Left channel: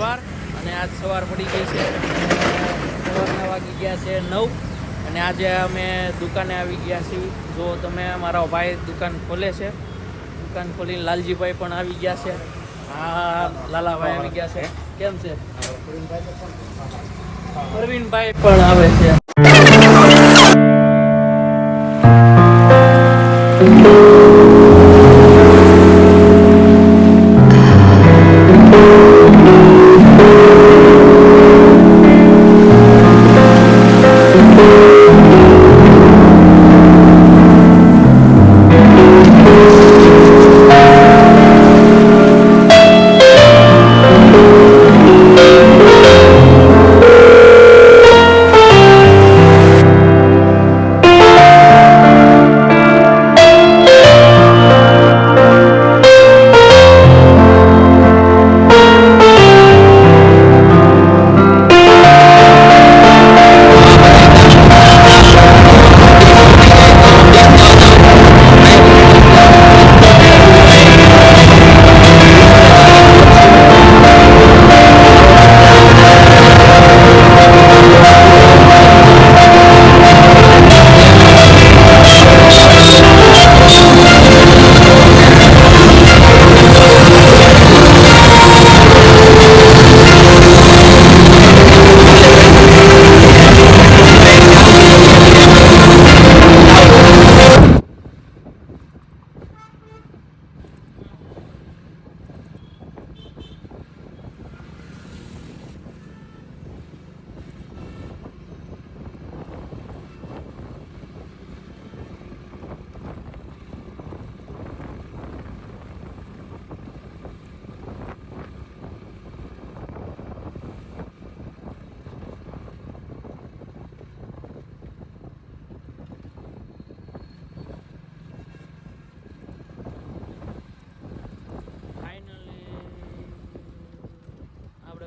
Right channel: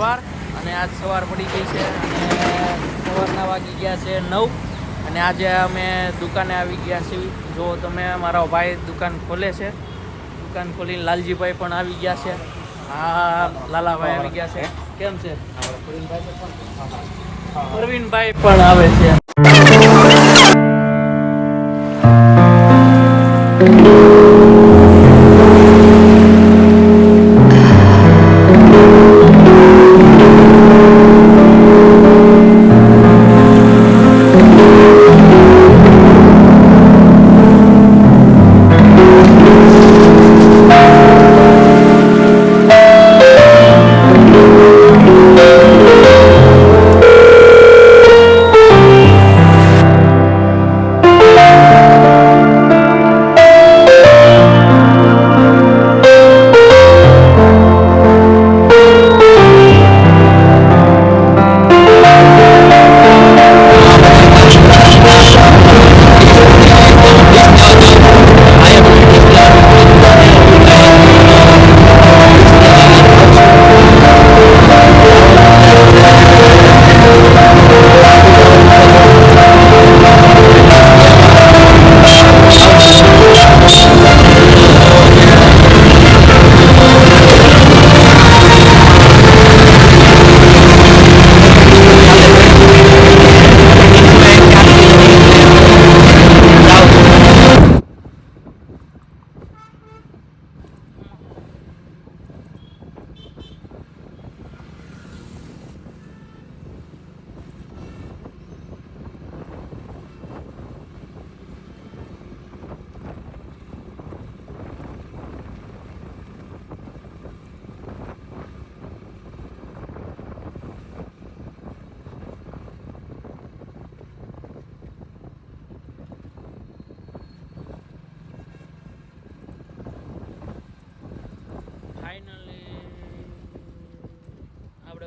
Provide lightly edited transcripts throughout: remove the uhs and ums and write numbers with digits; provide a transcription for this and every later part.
સવાર અને આજ સવાર પડી ગઈ છે અને સવારના વાગી ગયા છે 9 અને આજે અમે દુકાને આવી ગયા છીએ. જો તમે મારો ભાઈ દુકાન ખોલે છે, દુકાન ખોલીને લાલજીભાઈ પણ આવી ગયા છે. હા, લાલાભાઈ આવી ગયા છે. કેમ છે? પ્રવીણભાઈ પણ આવે છે.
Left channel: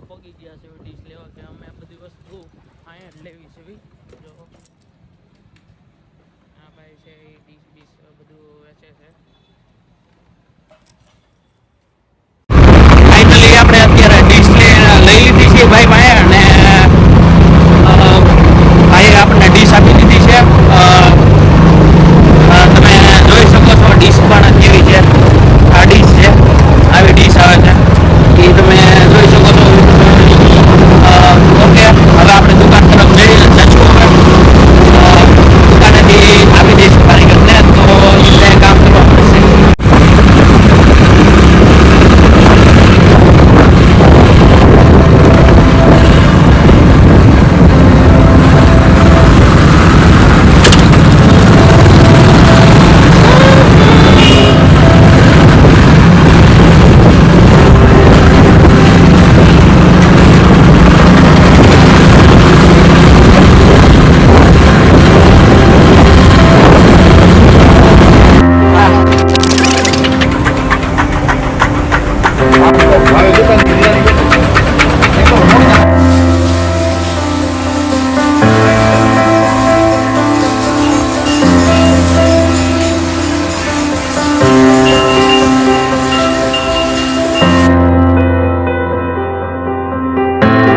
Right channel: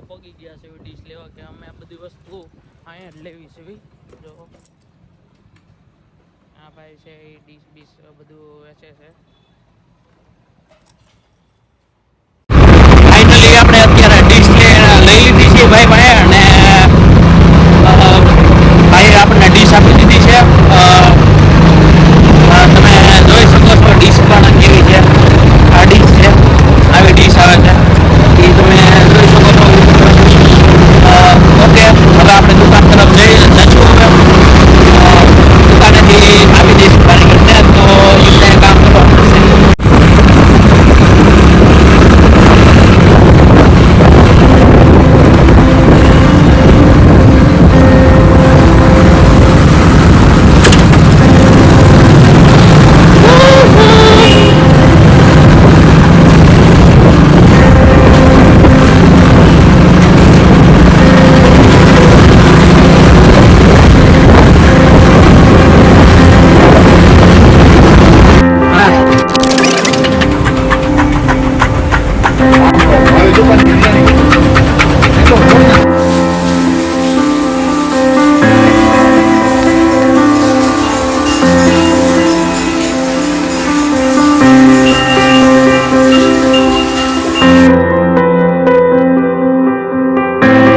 પગી ગયા છે ડીશ લેવા કે અમે આ બધી વસ્તુ અહીંયા જ લેવી છે. જો આ ભાઈ છે એ ડીશ બીશ બધું વેચે છે.